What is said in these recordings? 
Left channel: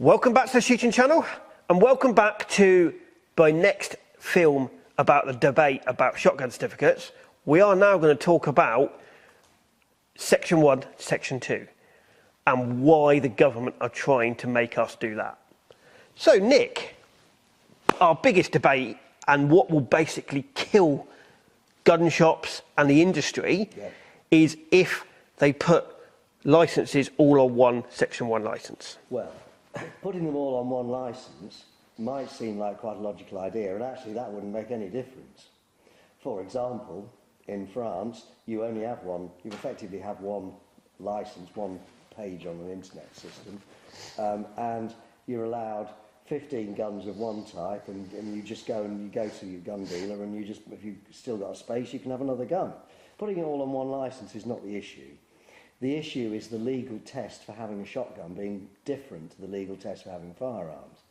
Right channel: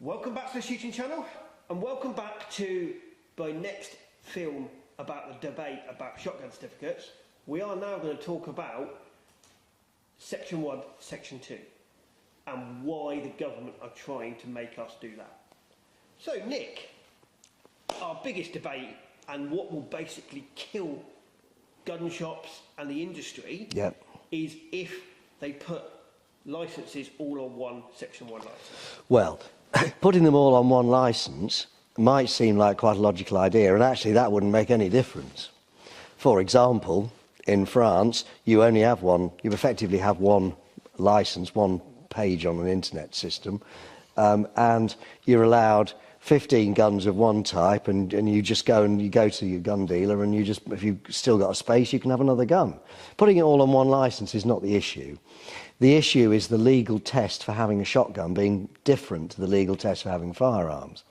Welcome back to the Shooting Channel, and welcome back to my next film about the debate about shotgun certificates. We are now going to talk about Section 1, Section 2, and why the government are trying to make us do that. So, Nick, our biggest debate and what will basically kill gun shops and the industry is if they put licences all on one Section 1 licence. Well, putting them all on one licence might seem like quite a logical idea, and actually that wouldn't make any difference. For example, in France, you effectively have one licence, one page on an internet system, and you're allowed 15 guns of one type, and you just go to your gun dealer, and if you've still got a space, you can have another gun. Putting it all on one licence is not the issue. The issue is the legal test for having a shotgun being different to the legal test for having firearms.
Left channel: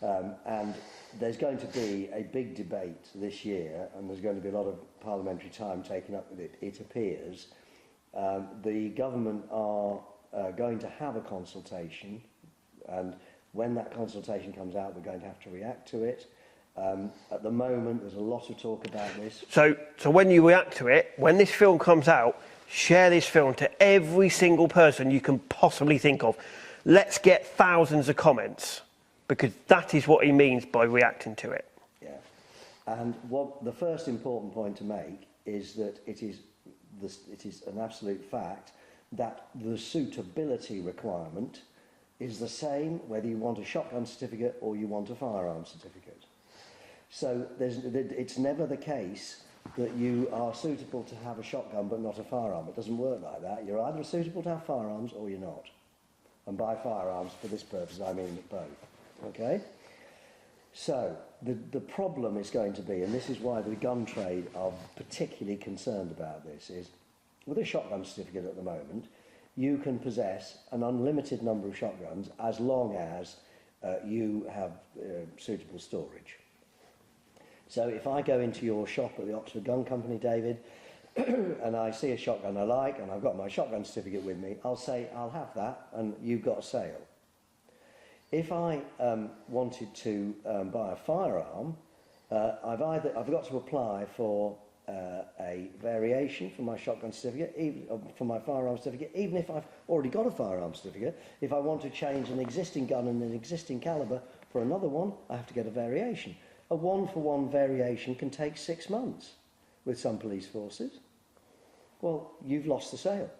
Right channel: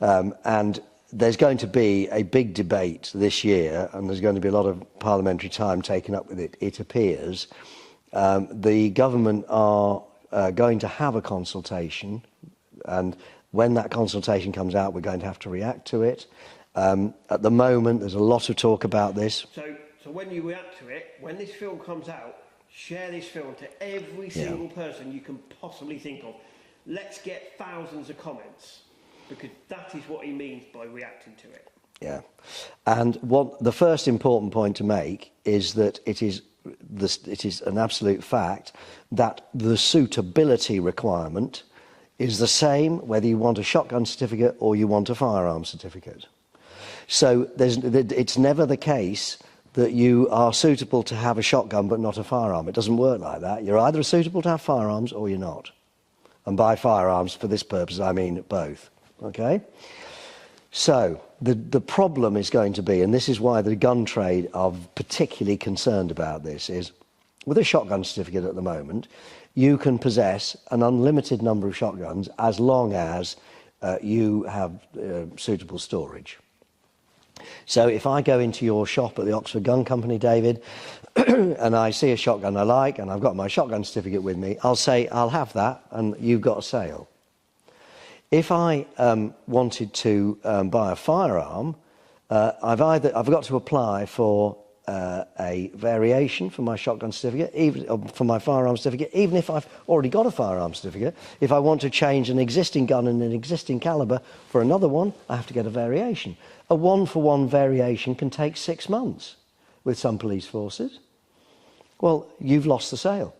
And there's going to be a big debate this year, and there's going to be a lot of parliamentary time taken up with it, it appears. The government are going to have a consultation, and when that consultation comes out, we're going to have to react to it. At the moment, there's a lot of talk about this. So when you react to it, when this film comes out, share this film to every single person you can possibly think of. Let's get thousands of comments, because that is what he means by reacting to it. Yeah. And the first important point to make is that it is an absolute fact that the suitability requirement is the same whether you want a shotgun certificate or you want a firearm certificate. So it's never the case that you are suitable to have a shotgun but not a firearm. It doesn't work like that. You're either suitable to have firearms or you're not. And by firearms, for this purpose, I mean both. Okay? So the problem is going to be, and this is why the gun trade are particularly concerned about this, is with a shotgun certificate at the moment, you can possess an unlimited number of shotguns as long as you have suitable storage. So if I go into your shop at the Oxford Gun Company, David, and I see a shotgun I like, and I've got my shotgun certificate with me, I'll say, I'll have that, and you've got a sale. If I wanted to buy a firearm, I've got to apply for a variation for my shotgun certificate, even for my firearm certificate, even if I've already got a firearm certificate. If I want to change an existing gun in an existing calibre for another one, I have to get a variation. A one-for-one variation can take 6 months with some police forces. Well, you've lost the sale.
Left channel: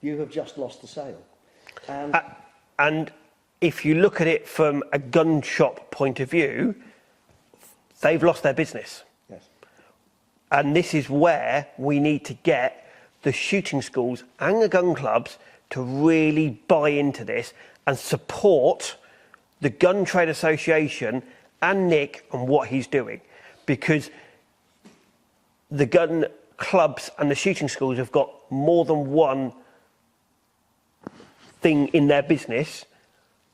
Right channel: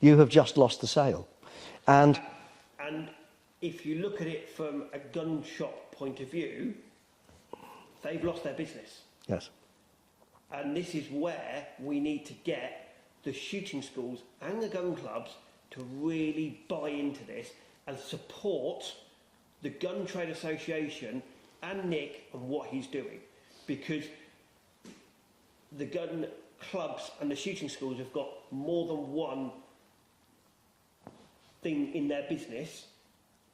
You have just lost the sale. And if you look at it from a gun shop point of view, they've lost their business. Yes. And this is where we need to get the shooting schools and the gun clubs to really buy into this and support the Gun Trade Association and Nick on what he's doing. Because the gun clubs and the shooting schools have got more than one thing in their business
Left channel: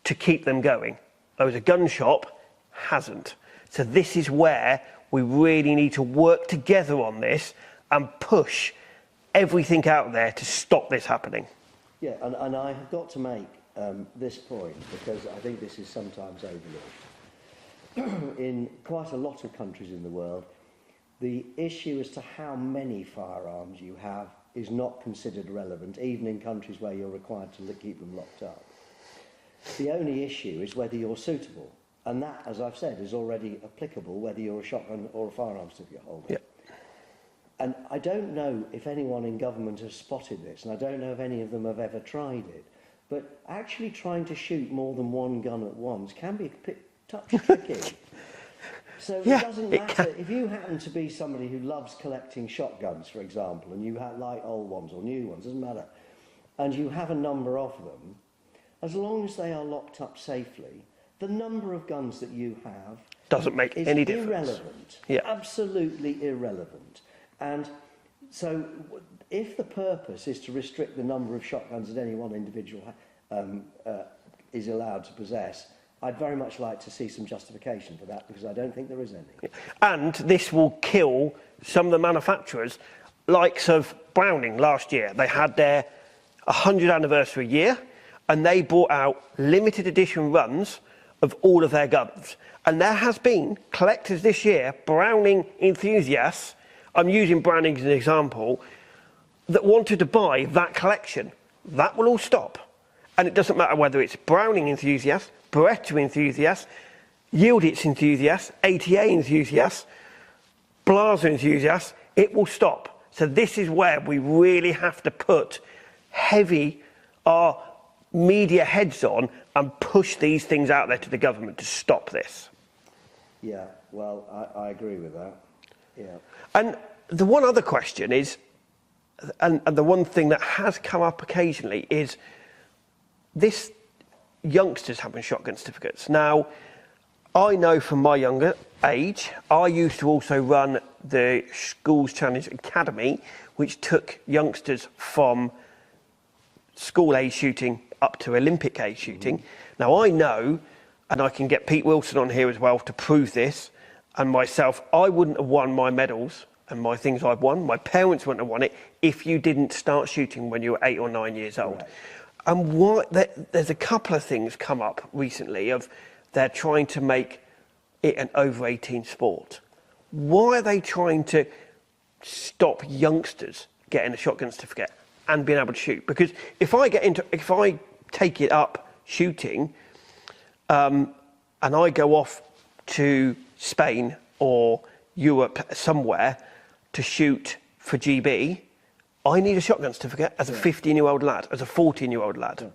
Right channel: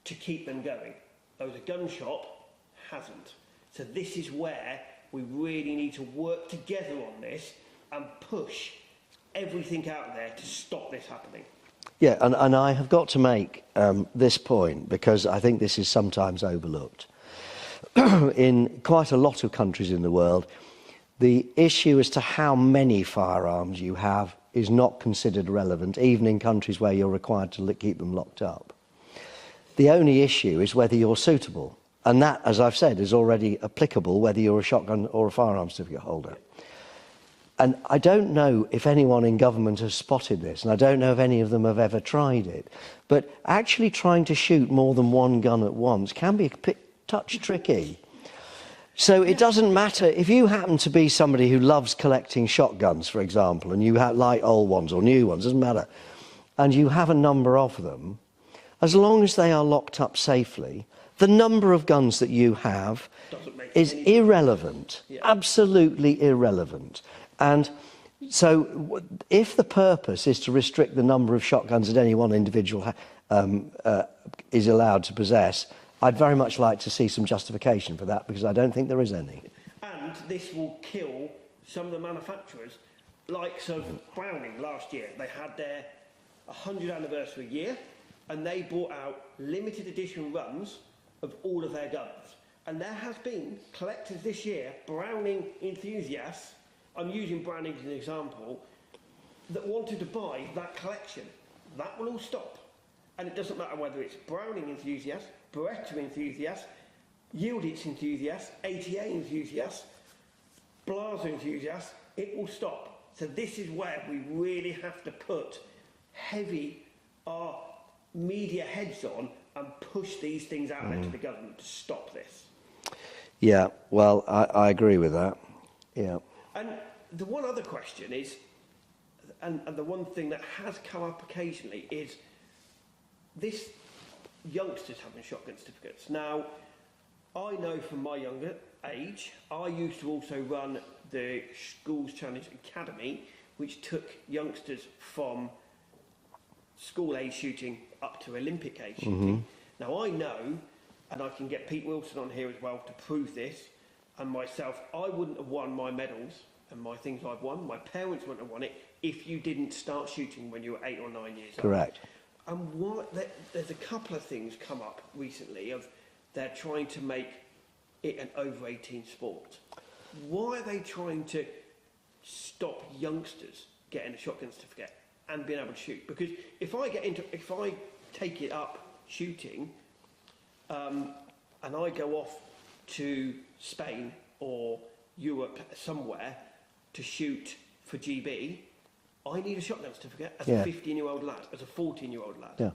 to keep them going. Whereas a gun shop hasn't. So this is where we really need to work together on this and push everything out there to stop this happening. Yeah, and I have got to make this point, because I think this is sometimes overlooked. In quite a lot of countries in the world, the issue as to how many firearms you have is not considered relevant, even in countries where you're required to keep them locked up. The only issue is whether you're suitable. And that, as I've said, is already applicable whether you're a shotgun or a firearm certificate holder. Yep. And I don't know if anyone in government has spotted this, and I don't know if any of them have ever tried it, but actually trying to shoot more than one gun at once can be a touch tricky. So it doesn't matter if you happen to be somebody who loves collecting shotguns, for example, and you like old ones or new ones, doesn't matter, and you have a number of them, as long as they are locked up safely, the number of guns that you have is irrelevant, absolutely irrelevant. And so if the purpose is to restrict the number of shotguns that any one individual is allowed to possess, I'd very much like to see some justification for that, because I don't think there is any. And this will kill some of the manufacturers, likes of Browning last year. They had their 100th anniversary year, and they brought out limited edition runs of all of their guns. And there has been collectors this year, Browning enthusiasts, I'm using Browning as an example, that wanted to buy that collection. That will all stop. And it doesn't matter whether it's Browning enthusiasts, Beretta enthusiasts, Yieldits enthusiasts, ATA enthusiasts, Blaser enthusiasts, it will stop. So this is where we really have to put our media heads on and push these things out there to the government to stop this. Yeah, well, I agree with that. Yeah. And the one other question is, and the one thing that has come up occasionally is this youngsters having shotgun certificates. Now, I know from my younger age, I used to also run the Schools Challenge Academy, which took youngsters from school age shooting up to Olympic age shooting. Now, I know, and I can get Pete Wilson on here as well to prove this, and myself, I wouldn't have won my medals and my things I've won, my parents wouldn't have won it, if you didn't start shooting when you were 8 or 9 years old. Correct. And there's a couple of things come up recently of they're trying to make it an over 18 sport. Why are they trying to stop youngsters getting a shotgun certificate and being able to shoot? Because if I take it up shooting, and I go off to Spain or Europe somewhere to shoot for GB, I need a shotgun certificate as a 15-year-old lad, as a 14-year-old lad. Yeah.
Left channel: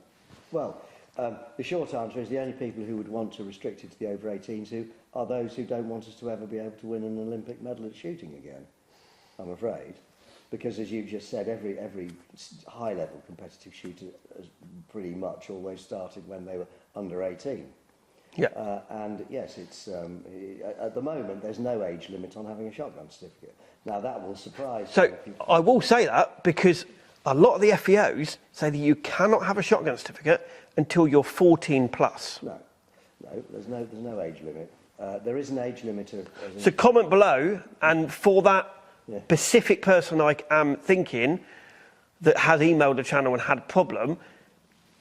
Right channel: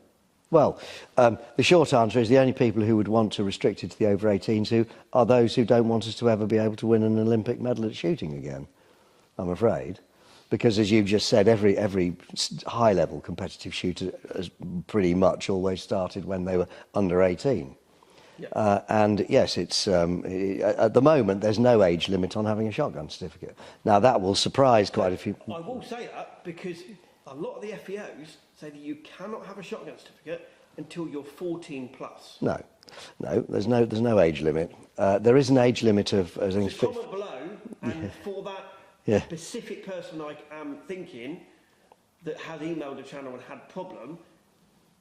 Well, the short answer is the only people who would want to restrict it to the over 18s are those who don't want us to ever be able to win an Olympic medal at shooting again, I'm afraid. Because as you've just said, every high-level competitive shooter has pretty much always started when they were under 18. Yeah. And yes, it's at the moment there's no age limit on having a shotgun certificate. Now that will surprise quite a few. I will say that because a lot of the FEOs say that you cannot have a shotgun certificate until you're 14 plus. No, there's no age limit. There is an age limit of. So comment below, and for that specific person I am thinking that has emailed the channel and had a problem,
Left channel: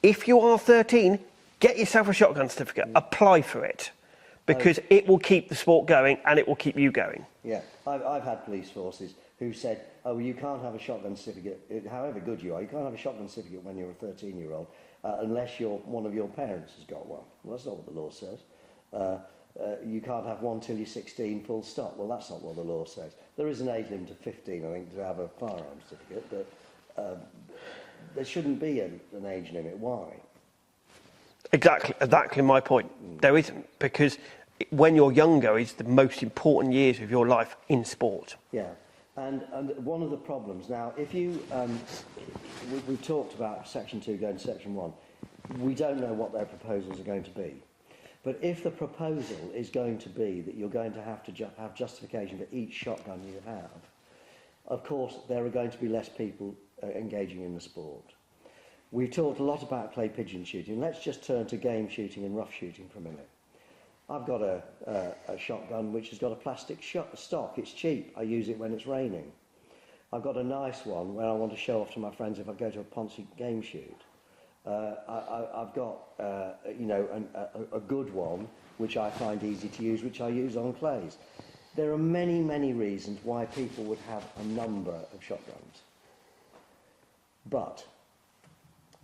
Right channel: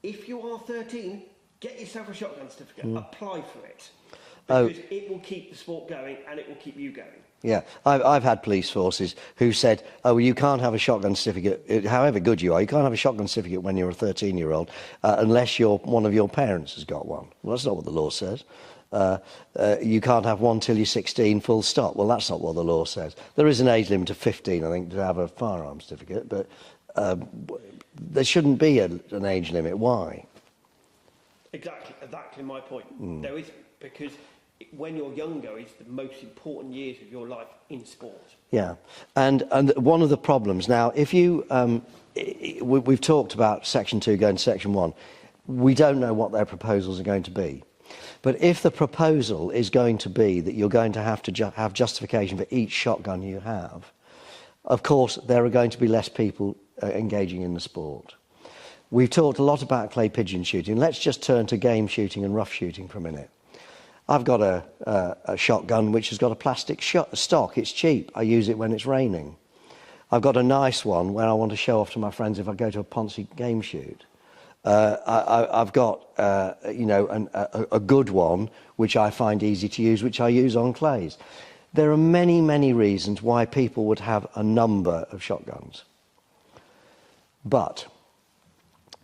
if you are 13. Get yourself a shotgun certificate, apply for it, because it will keep the sport going and it will keep you going. Yeah, I've had police forces who said, oh, well, you can't have a shotgun certificate, however good you are, you can't have a shotgun certificate when you're a 13-year-old unless one of your parents has got one. Well, that's not what the law says. You can't have one till you're 16, full stop. Well, that's not what the law says. There is an age limit of 15, I think, to have a firearms certificate, but there shouldn't be an age limit. Why? Exactly my point. There isn't, because when you're younger is the most important years of your life in sport. Yeah, and one of the problems now, if you we've talked about Section 2 going to Section 1, we don't know what their proposals are going to be. But if the proposal is going to be that you're going to have justification for each shotgun you have, of course there are going to be less people engaging in the sport. We've talked a lot about clay pigeon shooting. Let's just turn to game shooting and rough shooting for a minute. I've got a shotgun which has got a plastic stock. It's cheap. I use it when it's raining. I've got a nice one where I want to show off to my friends if I go to a Ponzi game shoot. I've got a good one which I find easy to use, which I use on clays. There are many, many reasons why people would have a number of shotguns. But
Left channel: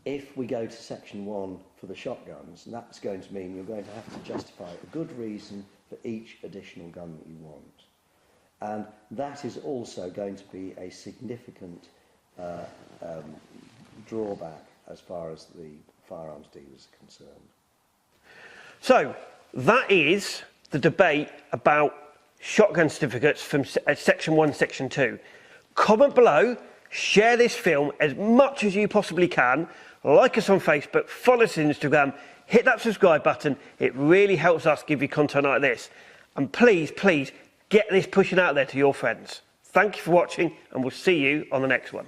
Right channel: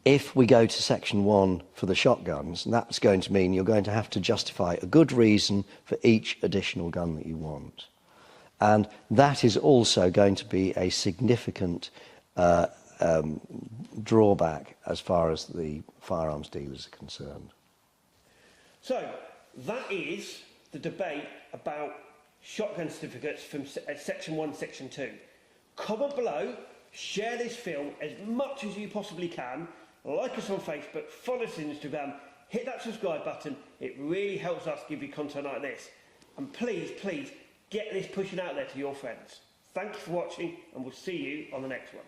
if we go to Section 1 for the shotguns, that's going to mean you're going to have to justify a good reason for each additional gun that you want. And that is also going to be a significant drawback as far as the firearms dealers are concerned. So, that is the debate about shotgun certificates from Section 1, Section 2. Comment below, share this film as much as you possibly can. Like us on Facebook, follow us on Instagram, hit that subscribe button. It really helps us give you content like this. And please, please, get this pushing out there to your friends. Thank you for watching, and we'll see you on the next one.